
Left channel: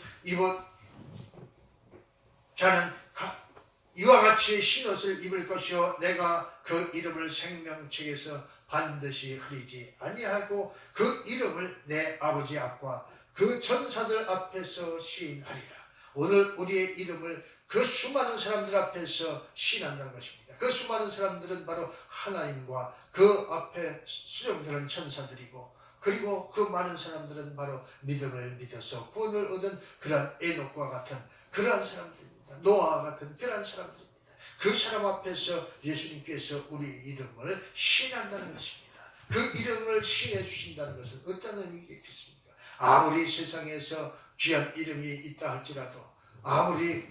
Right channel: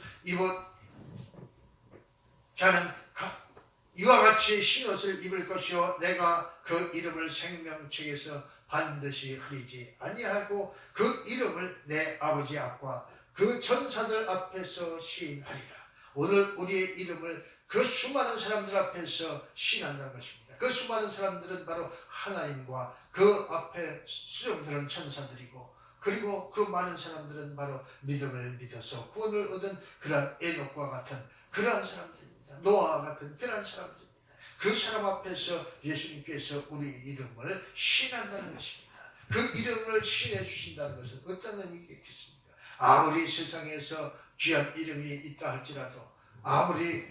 이와 같이 흰옷을 입을 것이요 내가 그 이름을 생명책에서 반드시 흐리지 아니하고 그 이름을 내 아버지 앞과 그 천사들 앞에서 시인하리라. 오늘 우리의 이름을 그 수많은 사람들 앞에서 시인한다는 것입니다. 그 수많은 사람들은 바로 하나님과 그 앞에 수정들은 천사들이고 그리고 그 많은 사람들은 바로 믿음을 믿어서 구원을 얻은 그러한 에녹과 같은 그러한 사람들입니다. 노아와 같은 그러한 사람들입니다. 그 사람 앞에서 예수님께서 우리 이름을 시인한다는 것입니다. 그 이름을 시인해 주신다는 것은 어떤 의미가 있겠습니까? 아무리 세상에서 귀한 이름이 있다 할지라도 아무리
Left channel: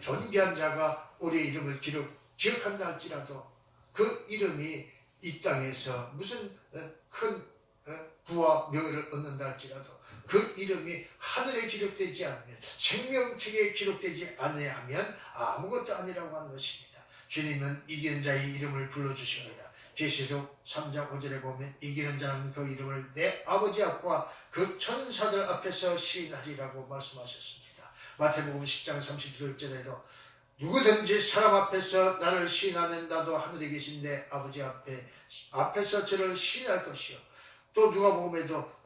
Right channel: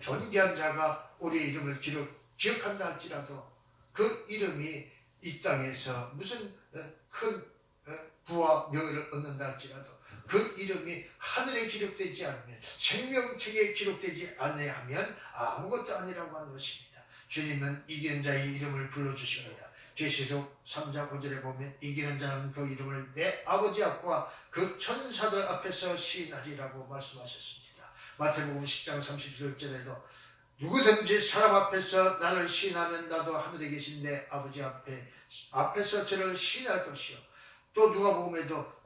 존귀한 자가 우리 이름을 기억한다 할지라도 그 이름이 이 땅에서 무슨 큰 부와 명예를 얻는다 할지라도 그 이름이 하늘에 기록되지 않으면 생명책에 기록되지 않으면 아무것도 아니라고 하는 것입니다. 주님은 이기는 자의 이름을 불러주십니다. 계시록 3장 5절에 보면 이기는 자는 그 이름을 내 아버지 앞과 그 천사들 앞에서 시인하리라고 말씀하셨습니다. 마태복음 10장 37절에도 누구든지 사람 앞에서 나를 시인하면 나도 하늘에 계신 내 아버지 앞에서 저를 시인할 것이요. 또 누가복음에도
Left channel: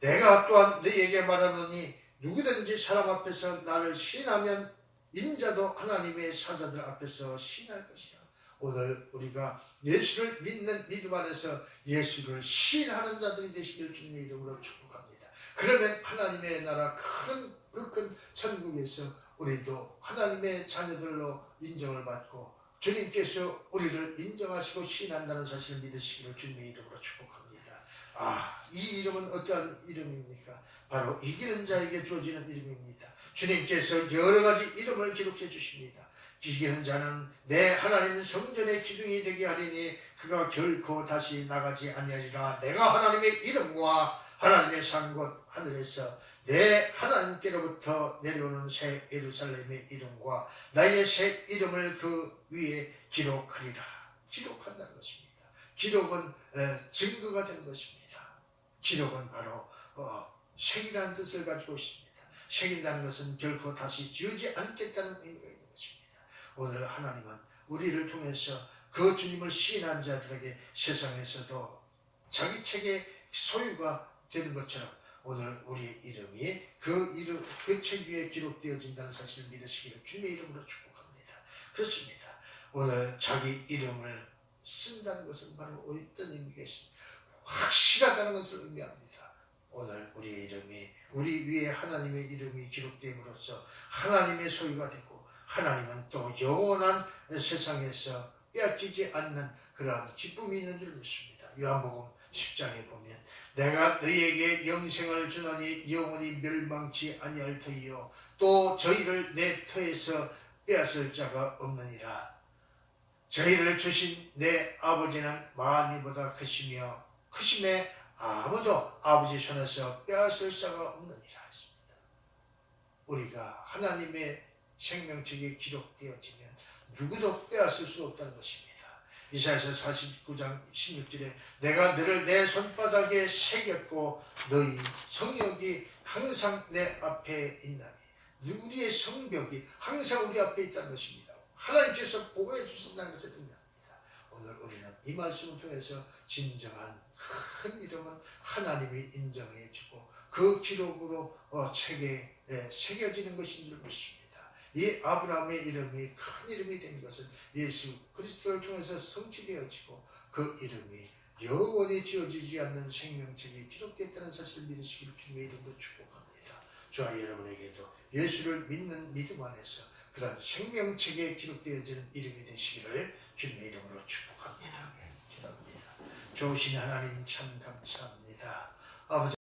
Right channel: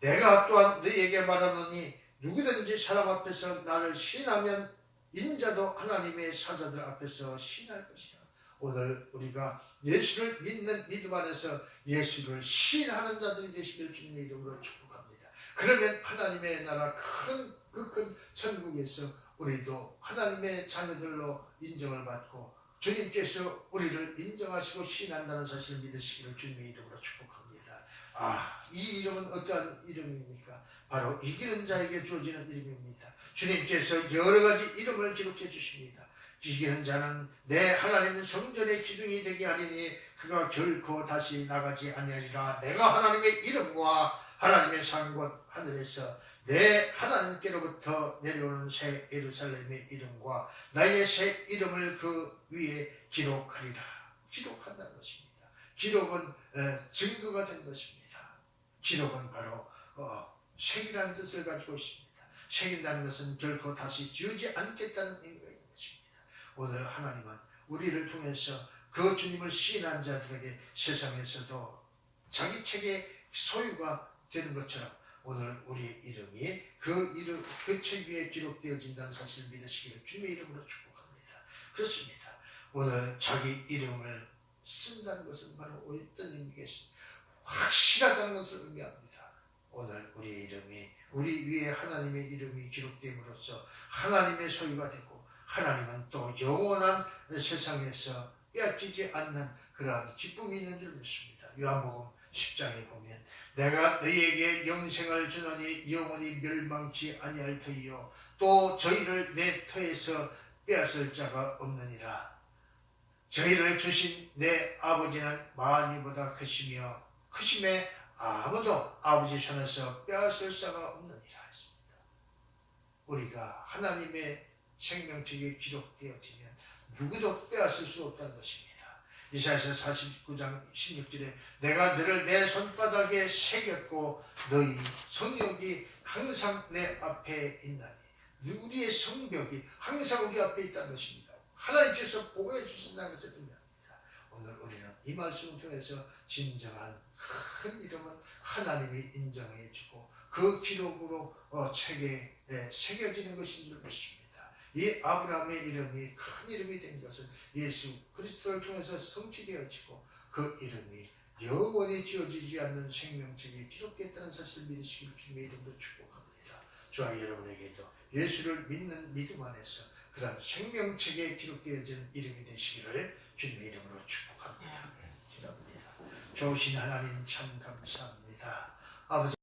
내가 또한 너희에게 말하노니 누구든지 사람 앞에서 나를 시인하면 인자도 하나님의 사자들 앞에서 시인할 것이라. 오늘 우리가 예수를 믿는 믿음 안에서 예수를 시인하는 자들이 되시길 주님의 이름으로 축복합니다. 그러면 하나님의 나라 큰 천국에서 우리도 하나님의 자녀들로 인정을 받고 주님께서 우리를 인정하시고 시인한다는 사실을 믿으시기를 주님의 이름으로 축복합니다. 이 이름은 어떠한 이름입니까? 바로 이기는 자에게 주어지는 이름입니다. 주님께서 여러 가지 이름을 기록해 주십니다. 이기는 자는 내 하나님 성전의 기둥이 되게 하리니 그가 결코 다시 나가지 아니하리라. 내가 하나님의 이름과 하나님의 산 곳 하늘에서 내 하나님께로부터 내려오는 새 예루살렘의 이름과 나의 새 이름을 그 위에 기록하리라. 기록한다는 것입니다. 기록은 증거가 된 것입니다. 기록은 바로 새기라는 뜻을 가지고 있습니다. 새긴다는 것은 결코 다시 지우지 않겠다는 의미가 있는 것입니다. 오늘 하나님은 우리를 통해서 그 주님을 시인한 자들에게 세상에서도 자기 책의 소유가 되는 것처럼 오늘 우리의 이름이 그 책 위에 기록되어진다는 사실을 믿으시기를 주님의 이름으로 축복합니다. 그렇습니다. 오늘 자기 이름을 쓴다는 것은 바로 어떤 의미겠습니까? 확실하다는 것을 의미합니다. 오늘 우리의 이름이 우리 위에 하나님의 이름이 기록됨으로써 하나님의 소유가 되고 하나님은 또 영원한 세상에서 빼앗기지 않는 그러한 기쁨이 있는 줄 믿습니다. 요한복음 10장에 보면 내가 너희에게 영생을 주노니 영원히 멸망치 아니할 터이요 또 저희를 내 터에서 빼앗을 자가 없느니라. 저희를 주신 내 아버지는 만이보다 크시며 크심에 아무도 아버지 손에서 빼앗을 자가 없느니라 했습니다. 우리가 하나님의 생명책에 기록되어지면 누구도 빼앗을 수 없다는 것입니다. 이사야서 49장 16절에 내가 너를 내 손바닥에 새겼고 너희 성역이 항상 내 앞에 있나니 우리의 성벽이 항상 우리 앞에 있다는 것입니다. 하나님께서 보호해 주신다는 것을 의미합니다. 오늘 우리는 이 말씀을 통해서 진정한 큰 이름은 하나님이 인정해 주고 그 기록으로 책에 새겨지는 것인 줄 믿습니다. 이 아브라함의 이름이 큰 이름이 된 것은 예수 그리스도를 통해서 성취되어지고 그 이름이 영원히 지워지지 않는 생명책에 기록됐다는 사실을 믿으시길 주님의 이름으로 축복합니다. 저와 여러분에게도 예수를 믿는 믿음 안에서 그런 생명책에 기록되어지는 이름이 되시기를 주님의 이름으로 축복합니다. 기도합니다. 좋으신 하나님 참 감사합니다. 아버지